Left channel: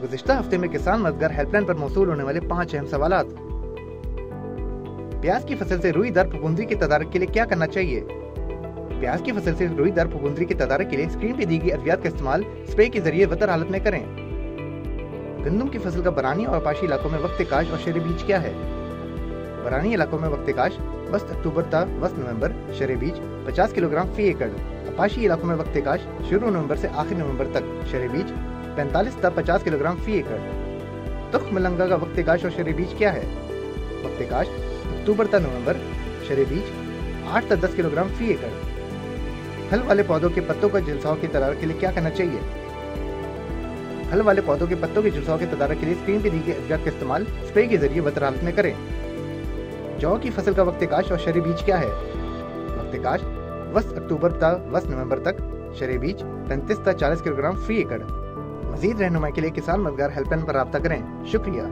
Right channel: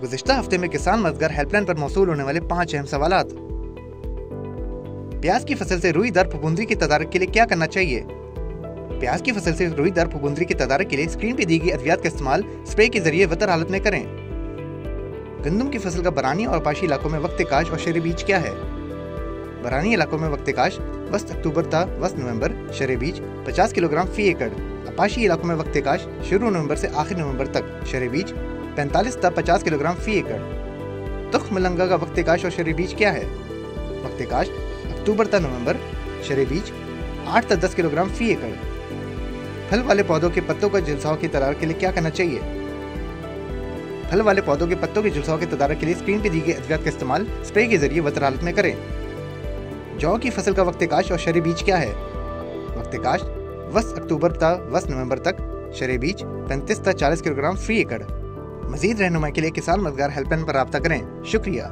गुज़िश्ता हफ्ते में किसान मददगार हेल्पलाइन पर मौसूल होने वाले 5 अहम सवालात। प्याज की फसल से रुई दार फफूंदी की तदारक के लिए क्या करना चाहिए? प्याज की फसल से रुई दार फफूंदी की तदारक के लिए स्क्रीन पर दी गई अद्वियात का इस्तेमाल स्प्रे के जरिए वतर हालत में करें। गंदम की फसल का बरानी और अपाशी इलाकों में वक्त काश और शरे बीज क्या है? बरानी इलाकों में वक्त काश वस्त अक्टूबर ता वस्त नवंबर, शरे बीज 50 किलोग्राम फी एकड़। अपाशी इलाकों में वक्त काश शुरू नवंबर से आखिर नवंबर तक, शरे बीज 45 ता 50 किलोग्राम फी एकड़। तुख मलंगा का वक्त काश और शरे बीज क्या है? वक्त काश अक्टूबर ता नवंबर, शरे बीज 8 ता 10 किलोग्राम फी एकड़। फल वाले पौधों के पत्तों का झुलसाव की तदारक के लिए क्या करना चाहिए? फल वाले पौधों के पत्तों के झुलसाव की तदारक के लिए स्क्रीन पर दी गई अद्वियात का इस्तेमाल स्प्रे के जरिए वतर हालत में करें। जौ की फसल का वक्त काश और शरे बीज क्या है? वक्त काश वस्त अक्टूबर ता वस्त नवंबर तक, शरे बीज 35 ता 40 किलोग्राम फी एकड़। मजीद रहनुमाई के लिए किसान मददगार हेल्पलाइन पर राब्ता करें। शुक्रिया।